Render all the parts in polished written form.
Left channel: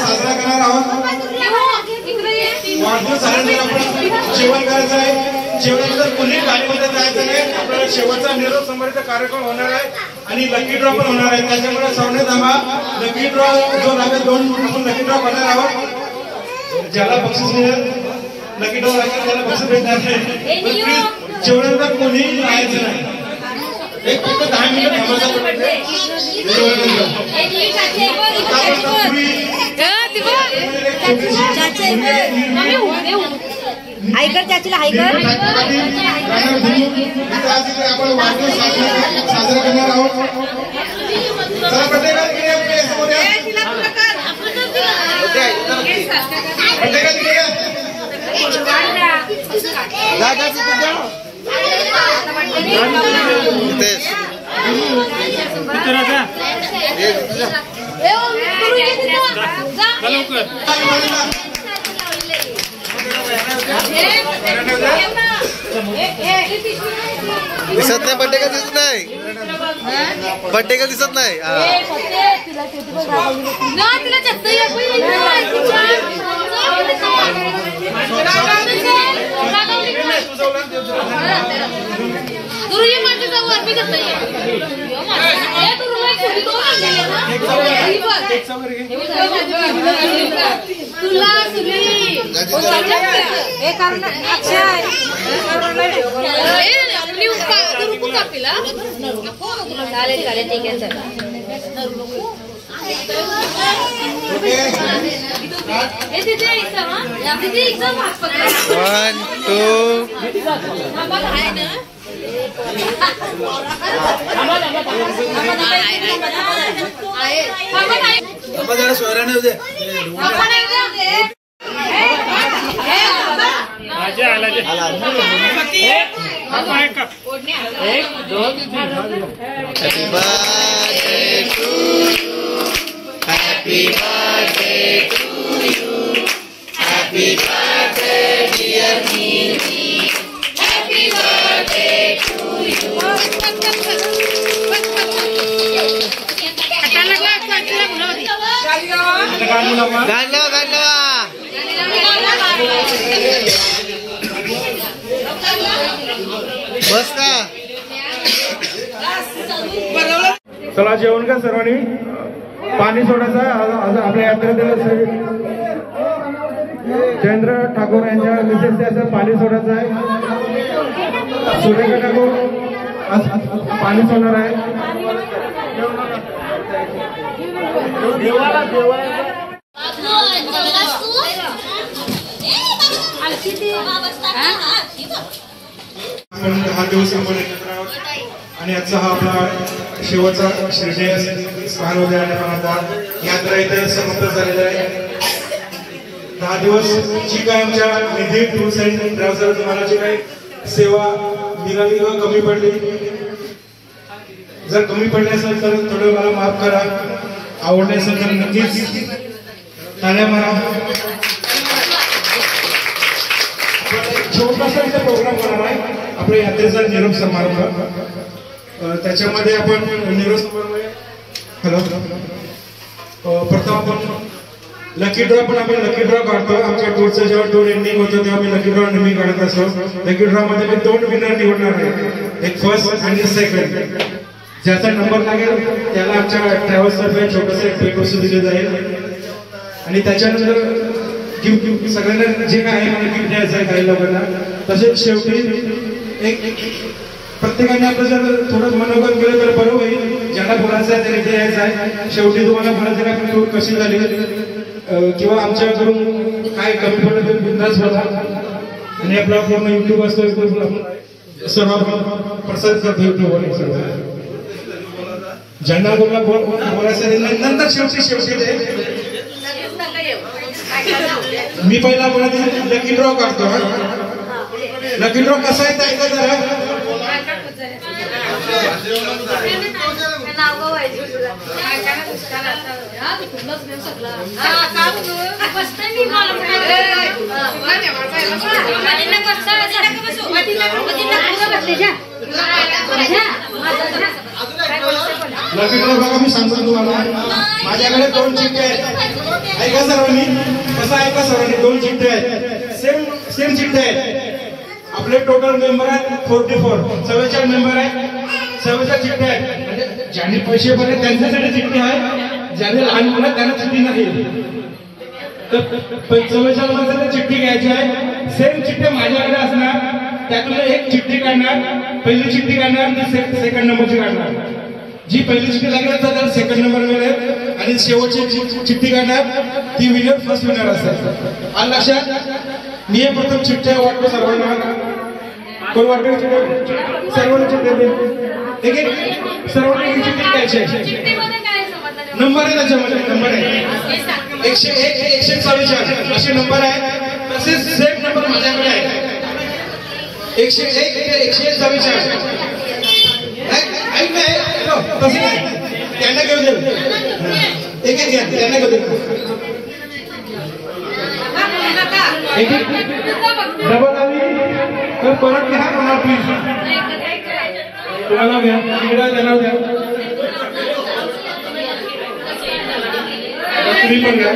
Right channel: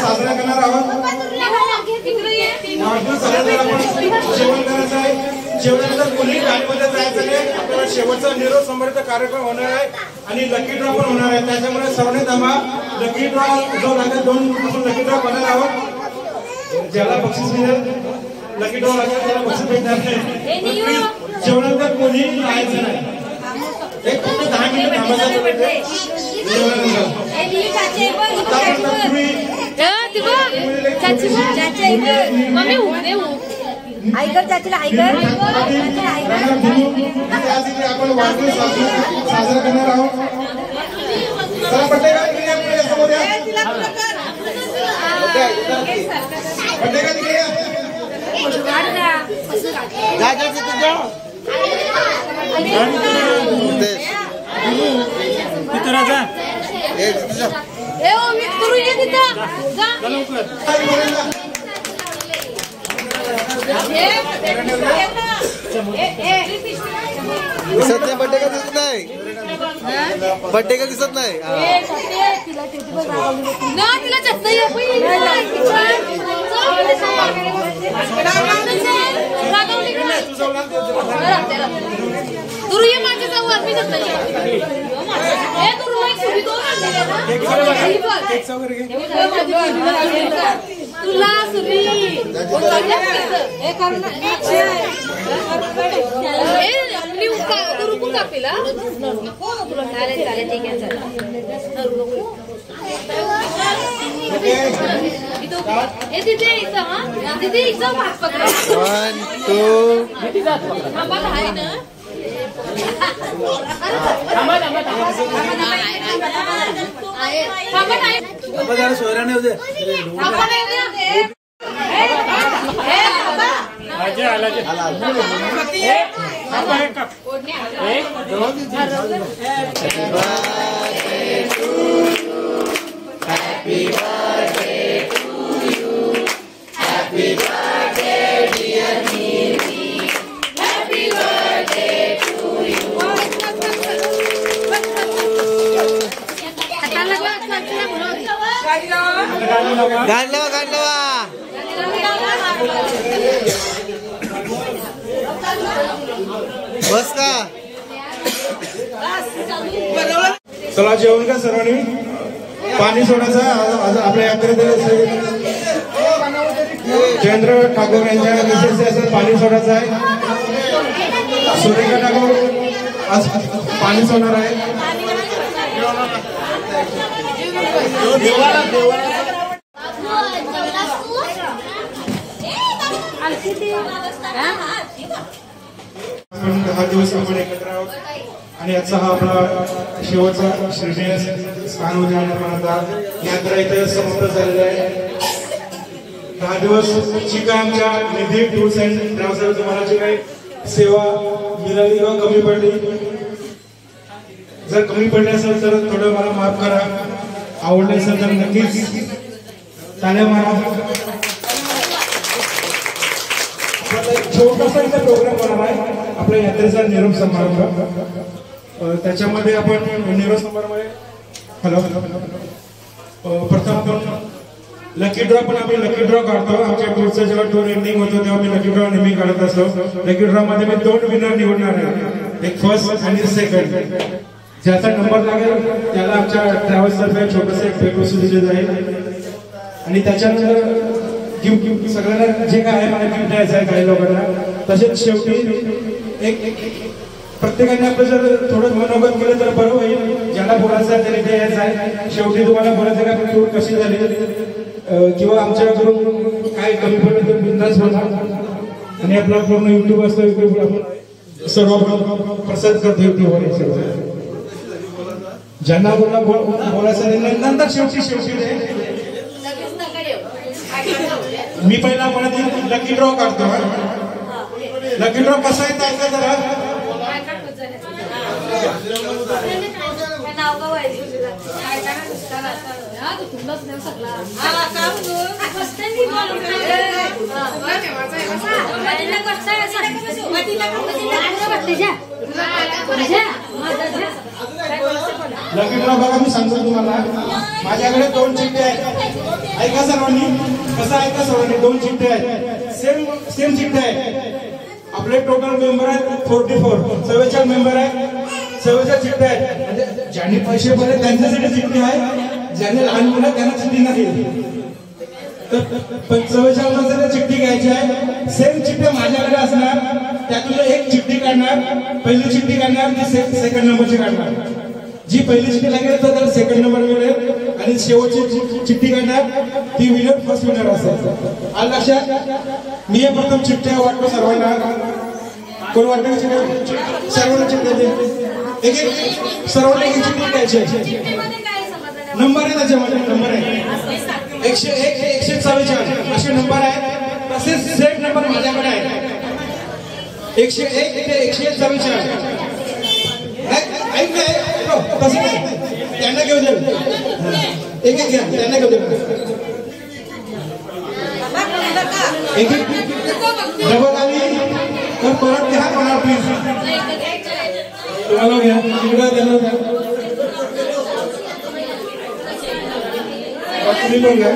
साजरा करणार आहोत. जेवण करायचं आहे. जेवणानंतर कोणी गाडीमध्ये जायचं नाही. आपल्याला शेवटचा निरोप समारंभ कार्यक्रम होणार आहे आणि लकी ड्रॉ पण होणार आहे. त्याच्यामुळे सर्वांनी थांबा. लकी ड्रॉ जो लागेल 2 लकी ड्रॉ करणार आहोत. ज्याला बक्षीस मिळेल लकी ड्रॉ लागेल त्याला बक्षीस मिळणार नाही. जेवणानंतर कोणी जायचं नाही. एक फक्त 10 मिनिट थांबायचं. हायकर चाचीला हायकर आपण वाढदिवस साजरा करणार आहोत. दिसत नाही बड्डे का दिसत नाही. बड्डे का दिसत नाही. बस का चला जेवण का सर्वांनी. पाणी सोडायचं. आपल्या यात्रेतील जयेंद्र ठाकूर यांच्या विशेष असं पाणी सोडायचं आहे. सुरेखा ठाकूर आज पाणी सोडणार आहे. आपण 10 दिवस आपण एकत्र आहोत आणि आजचा हा आपला शेवटचा श्रीजय स्थान यात्रा इथे समाप्त झालेला आहे. 10 दिवस जी काय आमच्या निधी टूर्स अँड ट्रॅव्हल्स तुम्हाला जी काही सेवा मिळाली किंवा कमी पडली, जर कमी पडले असेल तर थोडं मला माफ करा. आवडले असेल तर नक्कीच टाळ्या मारा. छोटासा इथं प्रोग्राम बनवला आहे आपल्या यात्रेचा निरोप समारंभ. त्याच्यामध्ये आपण निरोप समारंभ प्रथम आपण लकी ड्रॉ पण आम्ही लकी ड्रॉ काढतो. आमच्या टूरचं जेव्हा टूर एंडिंग होतं तेव्हा आम्ही लकी ड्रॉ नेहमी काढत असतो. लकी ड्रॉ मध्ये मी 2 विनर निवडणार आहे. एक फर्स्ट आणि सेकंड. ज्याचा नंबर लागेल त्याला आमच्या ट्रॅव्हल्स तर्फे छोटंसं एक भेट वस्तू दिली जाईल. आणि त्याच्यानंतर गिफ्ट सगळ्यांना जे काय आहे मला गिफ्ट द्यायचं आहे काही लोकांना. तसेच शेवटी एक प्रत्येकाने आपलं जर थोडं मनोगत केलं तर बरं होईल. ज्यांना बोलायचं आहे त्याला द्यायचं आहे. शेवटी तुम्हाला बरं जरा आपली टूर कशी झाली किंवा आमच्याकडून काय कमी पडलं तर बिंदास बोला. आणि आपला पूर्ण युट्यूब असतो सर्व प्रसारित करतो युट्यूबवर. ज्यांना बोलायचं नंतर शेवटी मी पहिला म्हणत लकी ड्रॉ काढतो. लकी ड्रॉ कसा आहे ऐका जरा. लकी ड्रॉ बघा, मी सांगतो तुम्हाला. माझ्याकडे 2 चिठ्ठ्या आहेत. ऐका सर्वांनी, कसं ऐका सर्वांनी, 2 चिठ्ठ्या आहेत. सेम चिठ्ठ्या आहेत. आपले टोटल मेंबर आहेत 44, 44 मेंबर आहेत. 44 चिठ्ठ्या आहेत. म्हणजे ज्यांनी पैसे भरले त्यांच्यासाठी चिठ्ठी आहे, ज्याने लहान मुलं त्यांना चिठ्ठी नाही. तर 44 मध्ये चिठ्ठी घ्यायची आहे. सेम चिठ्ठी माझ्याकडे असणार. त्यातून एक चिठ्ठी काढणार, पहिली चिठ्ठी काढणार, ती सेकंड नंबरची काढणार. जी पहिली चिठ्ठी लागेल तर त्याला सेकंड नंबर मिळेल आणि शेवटची चिठ्ठी काढणार ती विनर फर्स्ट विनर असतात. आलं लक्षात? मी हे प्रथम चिठ्ठ्या वाटतो सर्वांना. कोण वाटतो? सर्वांना चिठ्ठी दे. एक सर्वांना एक चिठ्ठी द्यायची आहे. नंबर आहे त्याच्यामध्ये, नंबर आहे 101 ते 144 असे नंबर आहेत. तसेच सेम नंबर माझ्याकडे आहे 101 ते 144. ऐक नाही तसं नाही, त्यांना घेऊ दे. एक घ्या, त्यांना घेऊ दे. एक डबल आली तर परत घ्या मला प्लीज. त्याला घ्या, तिकडे त्यांना द्या. तुम्ही पण घ्या.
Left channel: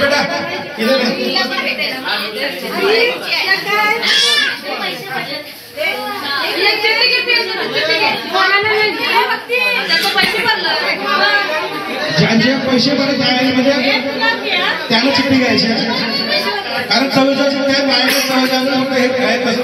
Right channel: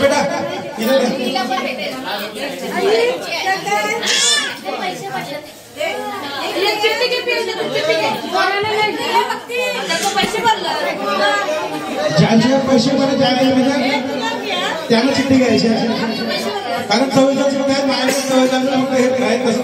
बेटा इधर ज्यांचे पैसे भरले म्हणजे त्यांना चिठ्ठी घ्यायची. कारण 44 चिठ्ठ्या आहेत, माझ्याकडे 44 हे काय कसं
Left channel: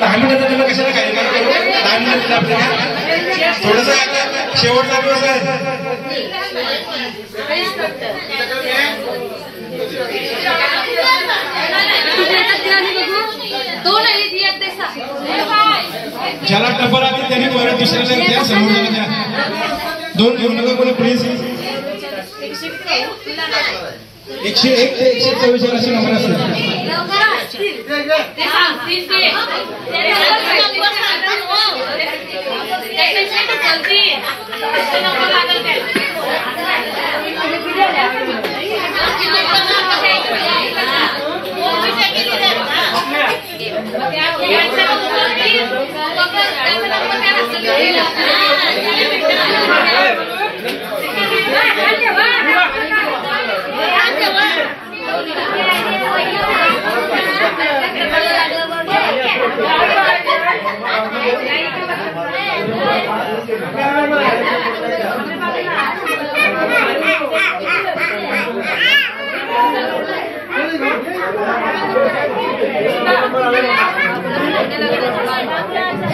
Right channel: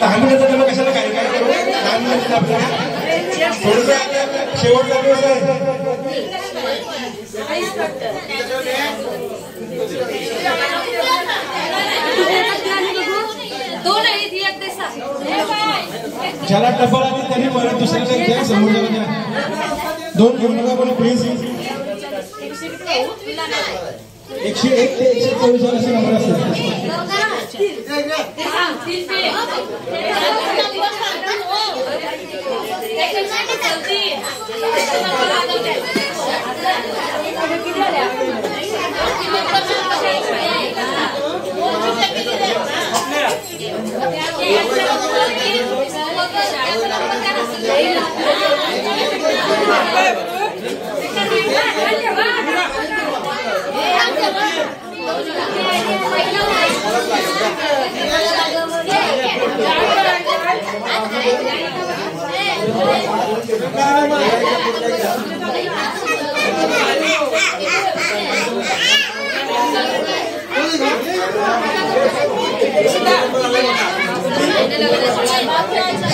दहा मिनिटं त्याला कशाला काय काय करू. 10 मिनिटं आपल्याला थोडंसं शेवटचा दिवस आहे. ज्याला टफर आली त्याने परत दुसऱ्याला द्या, समोरच्याला द्या. 2 घेऊ नका कोणी प्लीज. 101 ते 144 असे नंबर असतात.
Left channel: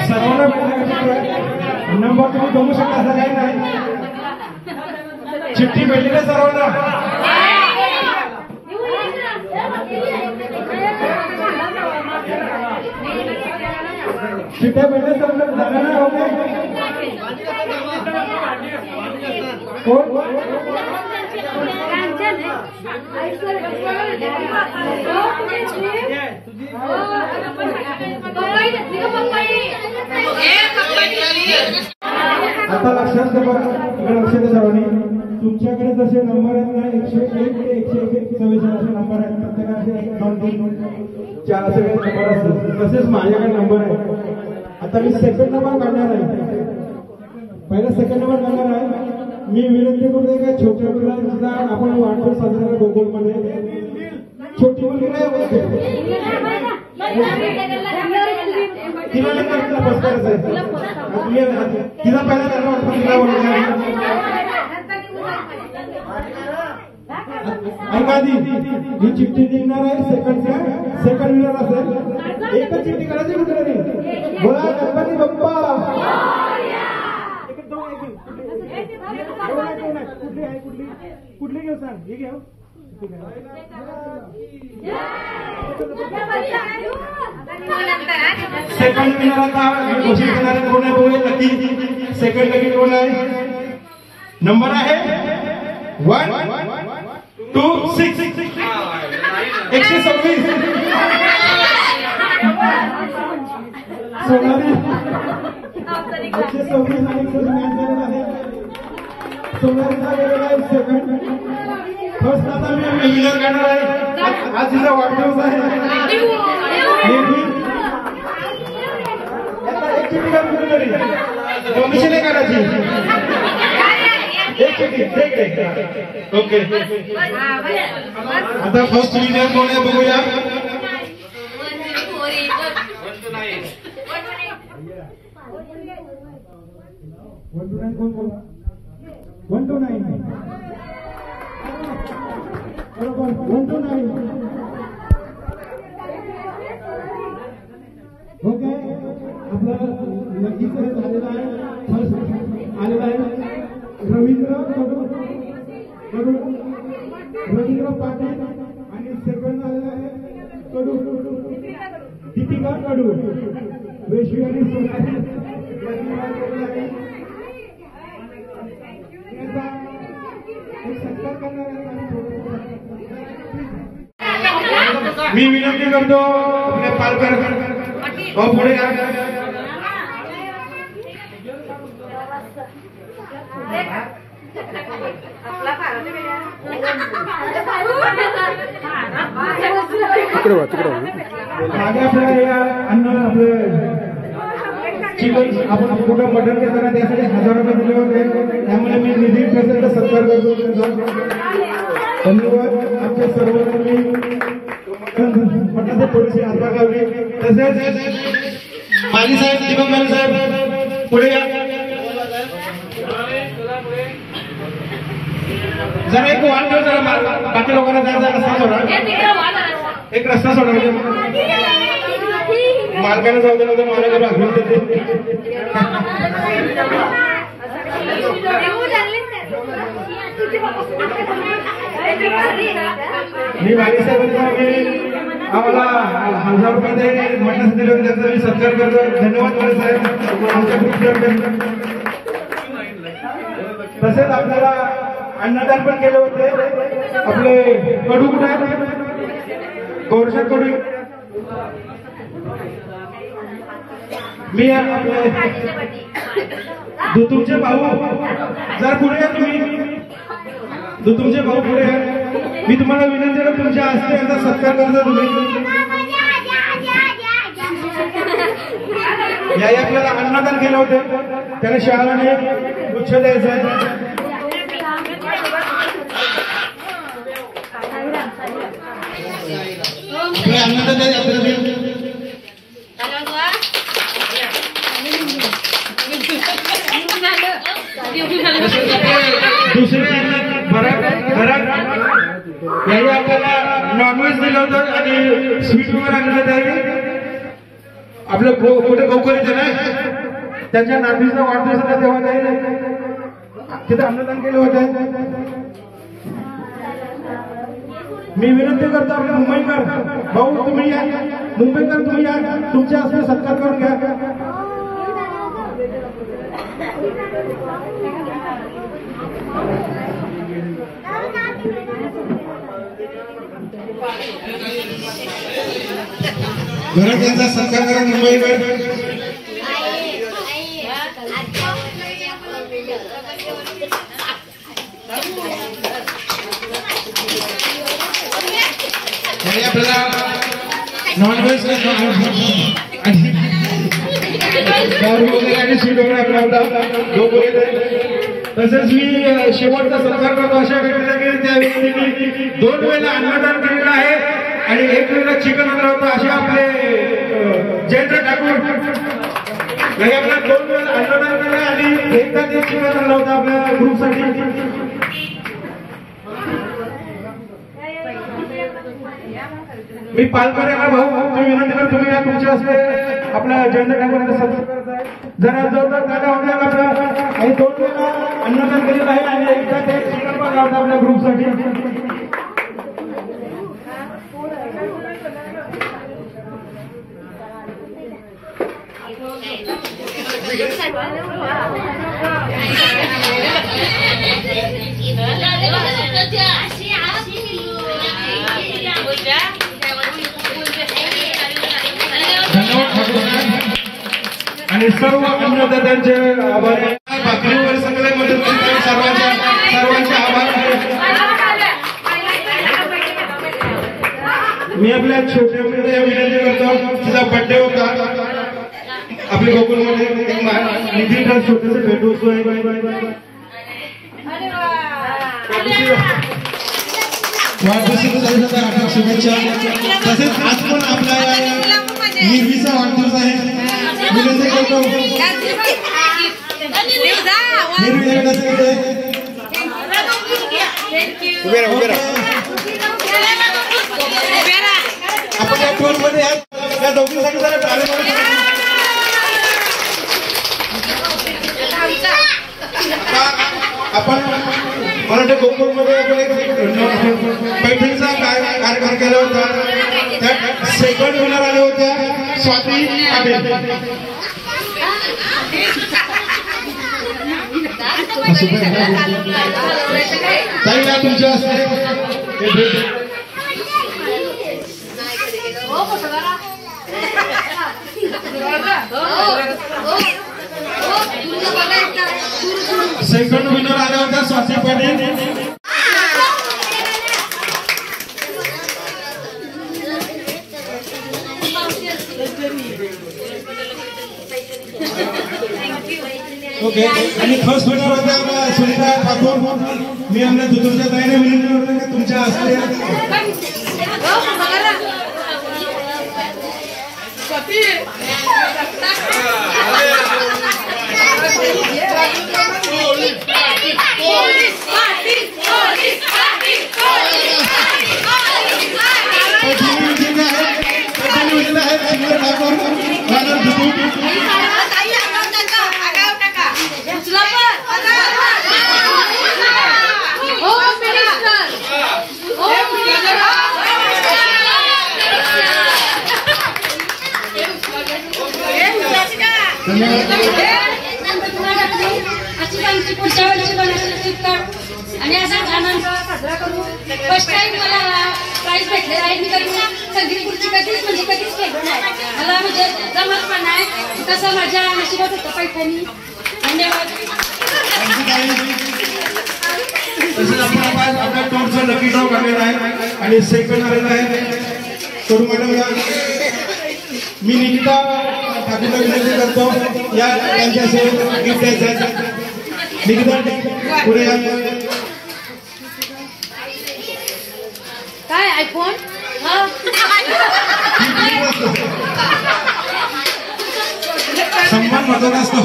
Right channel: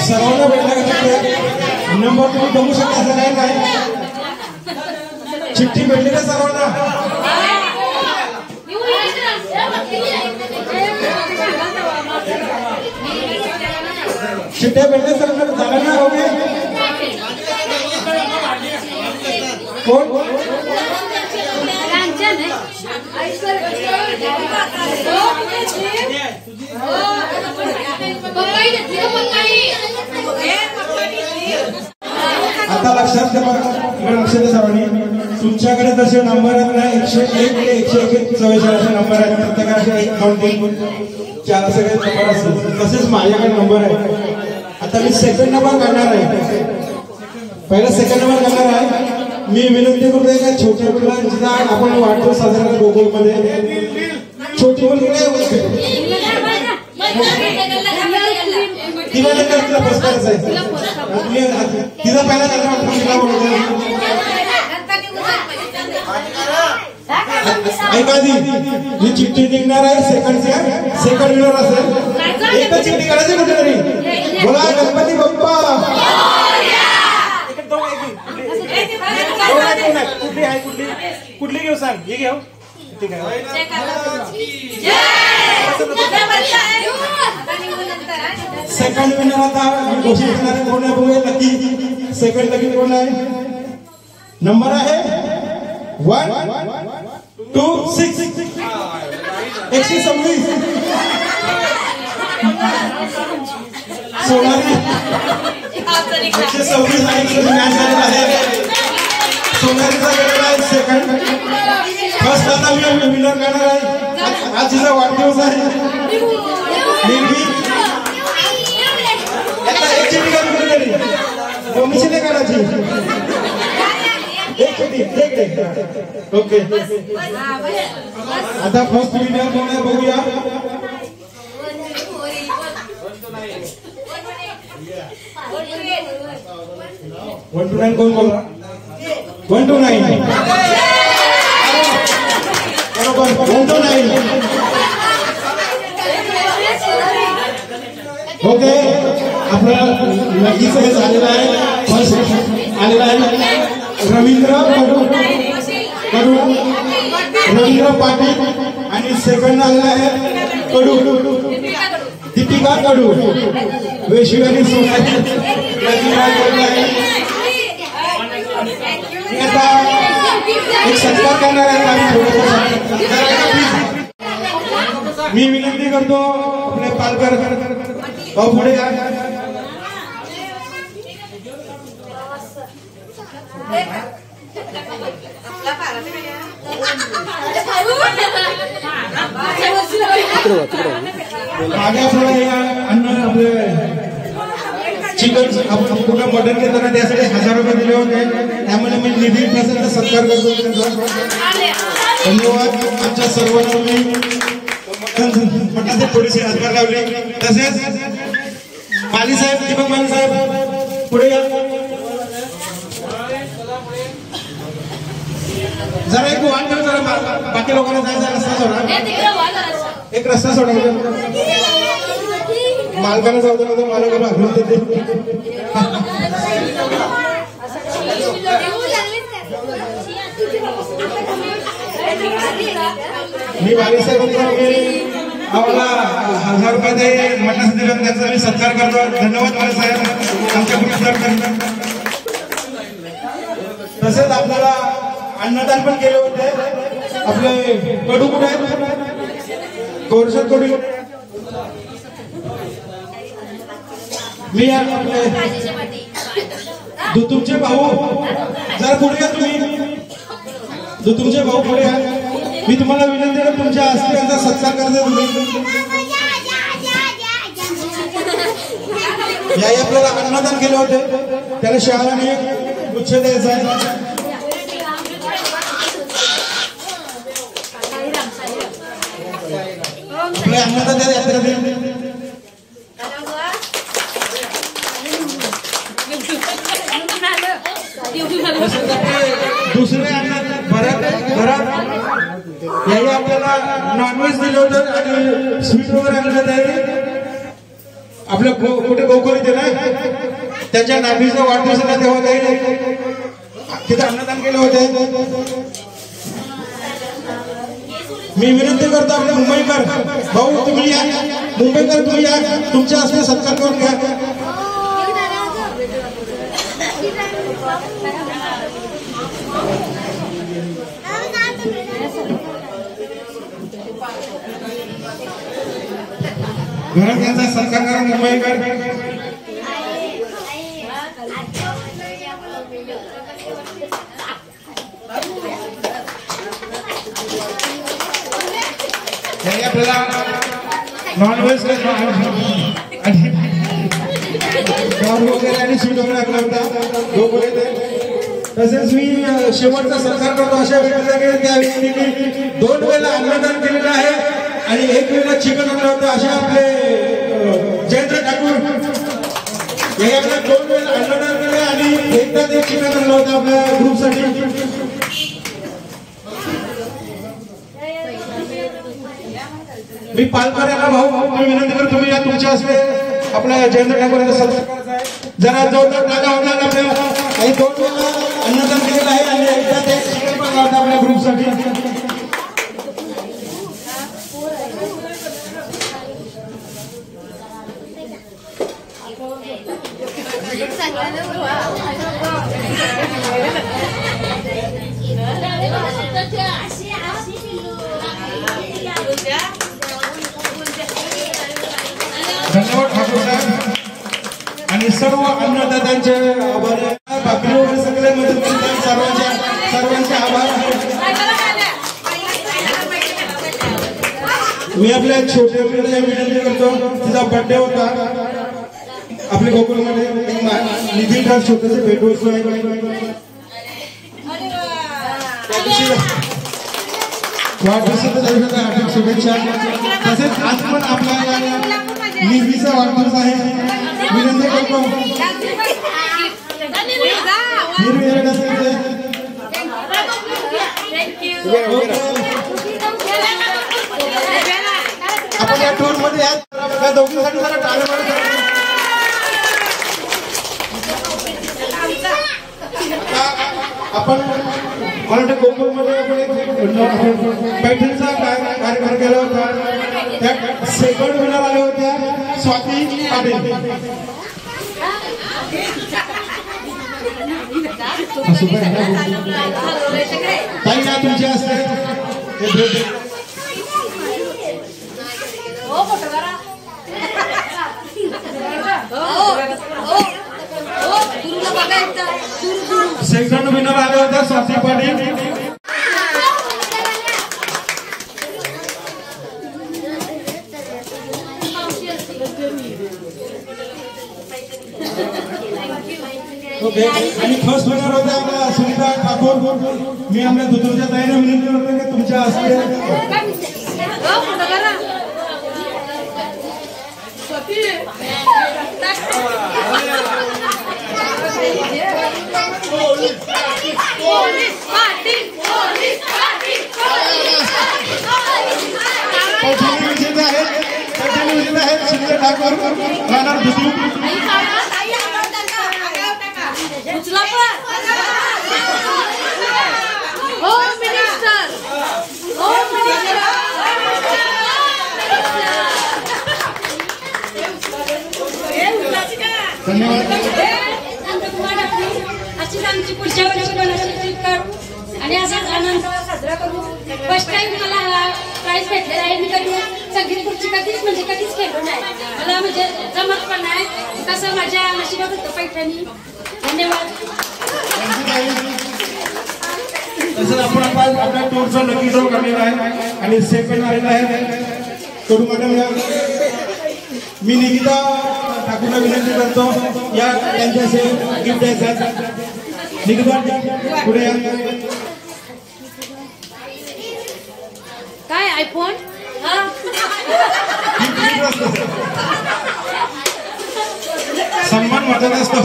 सर्वांना भेटला नंबर तुम्ही बघू शकता. असं काही नाही, चिठ्ठी भेटली ना सर्वांना. चिठ्ठ्या भेटल्या सर्वांना झालं ना? ओके कोण आता लक्षात घ्या, लक्षात सर्वांनी. तुमच्याकडे जसे नंबर आहेत ना 101 ते 144 असे नंबर आहेत. प्रत्येकाचे 1 2 3 4 असे काही नंबर असतात. तसेच माझ्याकडे नंबर आहे. आता मी सेकंड नंबर काढणार आहे. पहिला सेकंड नंबर काढणार आहे. मी विनंती करतोय का छोट्या मुलांचा आपण वाटतो साधारण गोकुळमध्ये छोटी मुलगी नाही होते तिला तिला बस करायचं आहे. तिला पहिला तिला ऐका दी ही चिठ्ठी निघणार आहे. सेकंड विनर असेल. एकच चिठ्ठी काढायची कुठेतरी. बोला गणपती बाप्पा. कुठली आहे कुठली घेऊ सांग. ही घेऊ सेकंड विनर आता घोषित करणारे कोण आहे बघूया लकी. सेकंड लकी कोण आहे? नंबर आहे 126 126 सोनाली 126 आणि मॅच झालेला आहे. सोनालीचा गेलेला आहे सेकंड. फर्स्ट आता मी विनर करणार आहे. आज तिचा वाढदिवस आहे. नेहमी आता एक चिठी काढून तरी मम्मीची नाही काढायची. एक चिठी ओके. आता फर्स्ट विनर कोण आहे बघूया. 129 कोण बोला? 129 बरोबर 129. ओके आपला नक्कीच हे झालेलं आहे. फर्स्ट आलेला आहे रवींद्र पाटील आणि सेकंड आलेला आहे दीपिका कडू. वेशवी आणि सोनाली आता एक सत्कार करणार आहे. मी विनंती करतो आपले पालकर पुढे या. माझ्या पुढे या अन्न आपले चिकन आपण कुठं मटन घेताना त्यासाठी 1000 रुपये दिले होते. त्यामुळे मी निधी प्रसंग सत्कार करतो. धन्यवाद. आमच्या सर्वांना मी मटनाचे थोडीशी हातभार लावली. तसेच माली साहेब दीपक माली साहेब पुढे या. जरा एक वाट ठेव. जरा बाकी लोकांना जायचा रस्ता सोडा. एक रस्ता सोडा. मालकाने जाऊ दे नंतर मालकाला आठवण देते. मी वाली साहेबांचा आम्हाला 1000 रुपये मटण दिले त्याचा मी सत्कार करतो. धन्यवाद वाली साहेब आमच्या ग्रुपतर्फे. तसेच आपल्याला अन्नदान पण केले होते. आपले कडू कुठे आहेत? कोरशा कडू. मी तुमचे भाऊ जरा पुढे या. तुम्ही तुमचे भाऊ पुढे या. मी तुम्हाला विनंती करतो तुमच्या हस्ते याचा सत्कार करतो. तुम्ही याही आपल्याला अन्नदान केले होते. त्याला शाळाने गुच्छ द्यायचा आहे. आपले अन्नदान द्या यात्रेने. दुसरी घरात याही आपल्याला नॉनव्हेज दिलं होतं आणि स्वीट वगैरे आणलं होतं. आपलं कुठे गोकुळ इथे नाही त्यांच्या नागरीचा वाढदिवस होता तेव्हा काही तिथे अन्नदान केलं होतं. मी विनंती करतो आपले मुंबईकर भाऊ तुम्ही या. मुंबईकर तुम्ही या. तुमच्या हस्ते सत्कार करून घ्या. घरात यांचा सत्कार करा मुंबईकर. आपल्याला नॉनव्हेज वगैरे आणि स्वीट वगैरे आपला तसेच मी शेवटचा सत्कार करतो अशा व्यक्तीचा की त्या व्यक्तीने 2 वेळेला अन्नदान केलेलं आहे आणि 1 वेळेला चिकन आणलं होतं. असे आपले जयेंद्र ठाकूर याही आपल्या 2 वेळेला अन्नदान केलं आणि एकदा ते चिकन आणलं होतं आपल्या ग्रुपसाठी. मी पालकर यांना भाऊ मी विनंती करतो तुम्ही या. तुमच्या हस्ते आपल्या जयेंद्र ठाकूर यांचा सत्कार करायचा आहे. जरा जोरदार टाका होणार. आपल्या काही 2 वेळेला अन्नदान केलेलं आहे आणि एकदा ते चिकन पण लावतं आपल्या ग्रुपसाठी. धन्यवाद ठाकूर साहेब आणि सर्व अन्नदात्यांचे आभार आहे. बाकी वगैरे सगळे मदत करतात सर्वांचे आभार. मी आपल्या छोट्या मुलीला विनंती करतो, तिचा बर्थडे होता आपल्या गोकुळमध्ये, निधी ट्रस्ट छोटंसं भेटवस्तू आहे. वाढदिवसाच्या आपल्या शुभेच्छा. तसेच आज पण आपला निर्मीचा वाढदिवस आहे. विनंती करतो आपण या टूर मध्ये या दोघींसाठी जरा टाळ्या मारा. आपण मला वाटतं गोकुळमध्ये आपण एक पैठणीचा कार्यक्रम केला होता, त्यात सेकंड विनर आले होत्या स्वाती पाटील. ताई काय तुमच्या असते सेकंड विनर आले होते स्वाती पाटील. ओके आणि फर्स्ट विनर होते आपल्या सुनीता ठाकूर. मी आपल्या दुधूरच्या ताईने विनंती करतो की तुमच्या हस्ते पुढच्या वर्षी आणि असाच आनंद साजरा करू. फर्स्ट टाइम मला प्राइज भेटले आहे. मी कधी संगीत खुर्ची कधीच खेळलो नाही. मला म्हणजे जमत पण नाही. कसं माझ्या नशिबात होतं पैठणी. धन्यवाद. आपण आपल्या टूरचा लकी ड्रॉ करणार आहे आणि सेकंड आलेला आहे तरुण मॅडम. मी निकिता ठाकूरला विनंती करतो या त्यांच्या गिफ्ट द्यायचं. निकिता पुढे काय आयफोन सन्मान महत्वाचा असतो.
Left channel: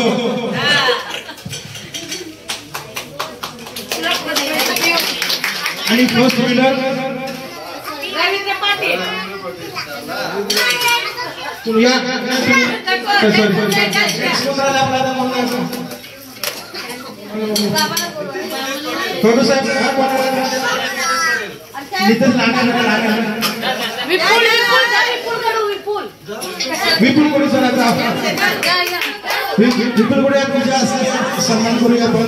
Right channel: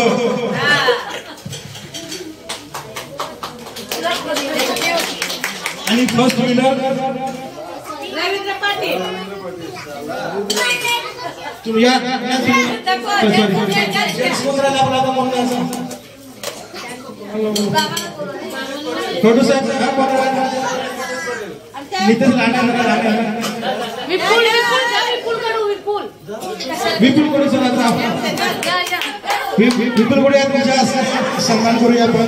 आणि फर्स्ट विनर रवींद्र पाटील. छोटू साहेब विपुल कोणी विपुल कोणी तुमच्या सन्मान करूया आपण.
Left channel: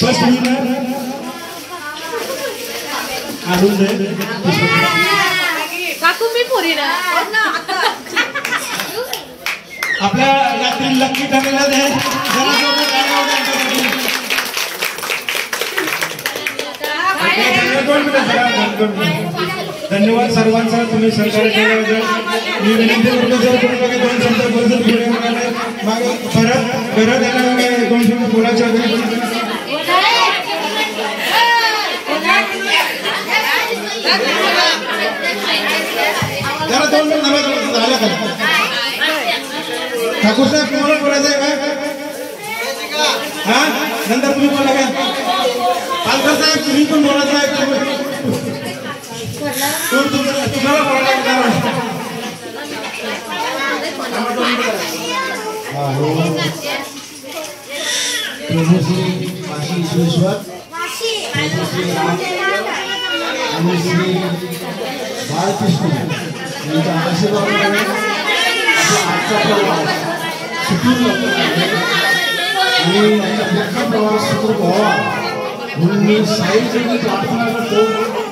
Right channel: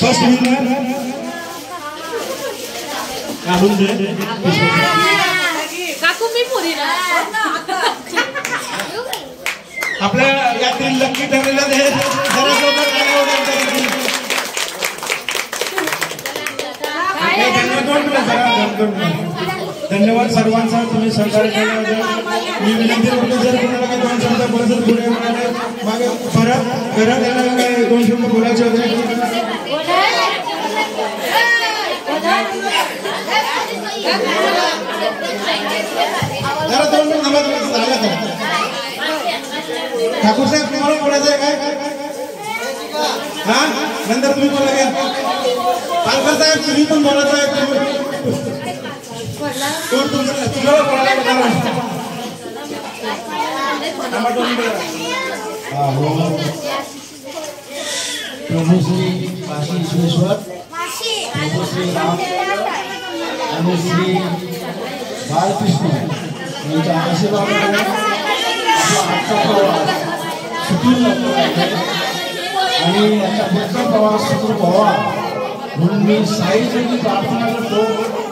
फर्स्ट विनर काढून दे काकू मी पुरी ना आपल्या यातील लक्की ठरलेलं आहे. धन्यवाद सर्वांचा तुम्ही सहकार्य केलं. मी विनंती करतो जर तुम्हाला 2 शब्द मागे परत घरात आल्यामुळे 2 शब्द बोलायचे होते. जरा 2 मिनिट झाला ठाकूर साहेब तुम्हाला बोलायचं आहे काय? हा नंतर तुम्ही बोला काय? पालकर साहेब तुम्ही पण बोलायचं आहे. तुम्हाला बोलायचं प्रभू श्री काशी विश्वेश्वर, प्रभू श्री राम आणि श्री बाळकृष्ण यांच्या आशीर्वादाने आपला आजचा प्रवास सुखी आणि याचा पुढचा प्रवास सुखरूप व्हावा म्हणून मी साईंची प्रार्थना करतो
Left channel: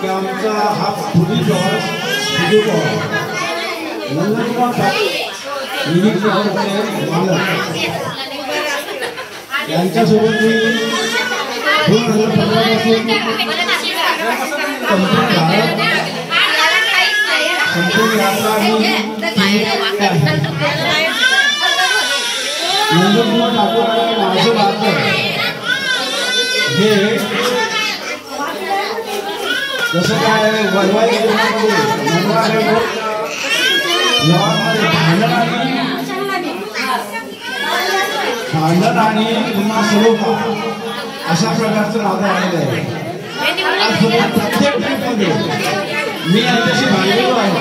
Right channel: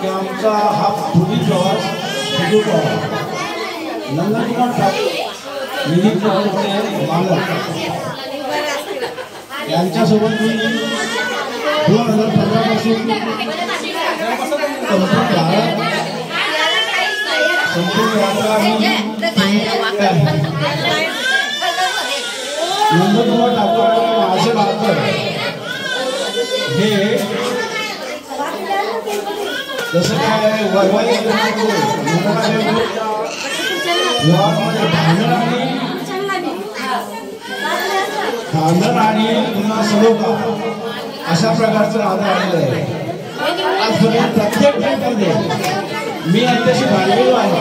की आमचा हा पुढील प्रवास सुखरूप व्हावा. नंदकुमार ठाकूर निधी प्रकल्पाचे मालक यांच्यासोबत मी 2015 पासून संपूर्ण यात्रा नंदकुमार ठाकूर आणि माझे राहतं हे जसं काय वैवाहिक भांडण आणि पुन्हा सलोखा अशा प्रकारचं नातं आलेलं आहे. प्रत्येक ट्रीपमध्ये मी यांच्याशी भांडलेलो आहे,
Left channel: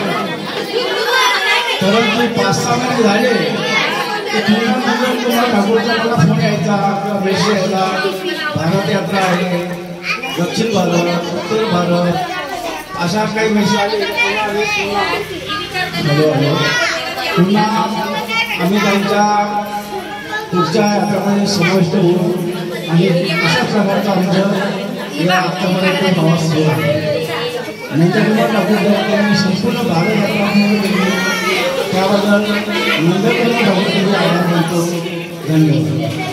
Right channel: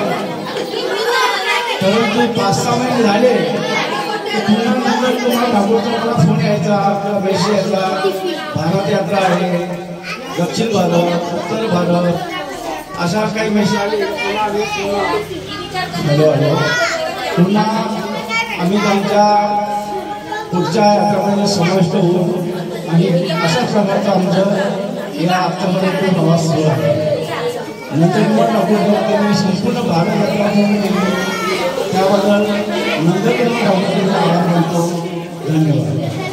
परंतु 5-6 महिने झाले की तुम्हाला ठाकूरचा फोन यायचा किंवा मेसेज यायचा, भारत यात्रा आहे, दक्षिण भारत, उत्तर भारत अशा काही मेसेज आले. पुन्हा आम्ही त्यांच्या पुढच्या यात्रामध्ये समाविष्ट होऊ आणि अशा प्रकारचं आमचं या आत्तापर्यंत प्रवास सुरू आहे. नंतर आपण संपूर्ण भारत यात्रा त्याबद्दल नंतर आभार मानतो. धन्यवाद.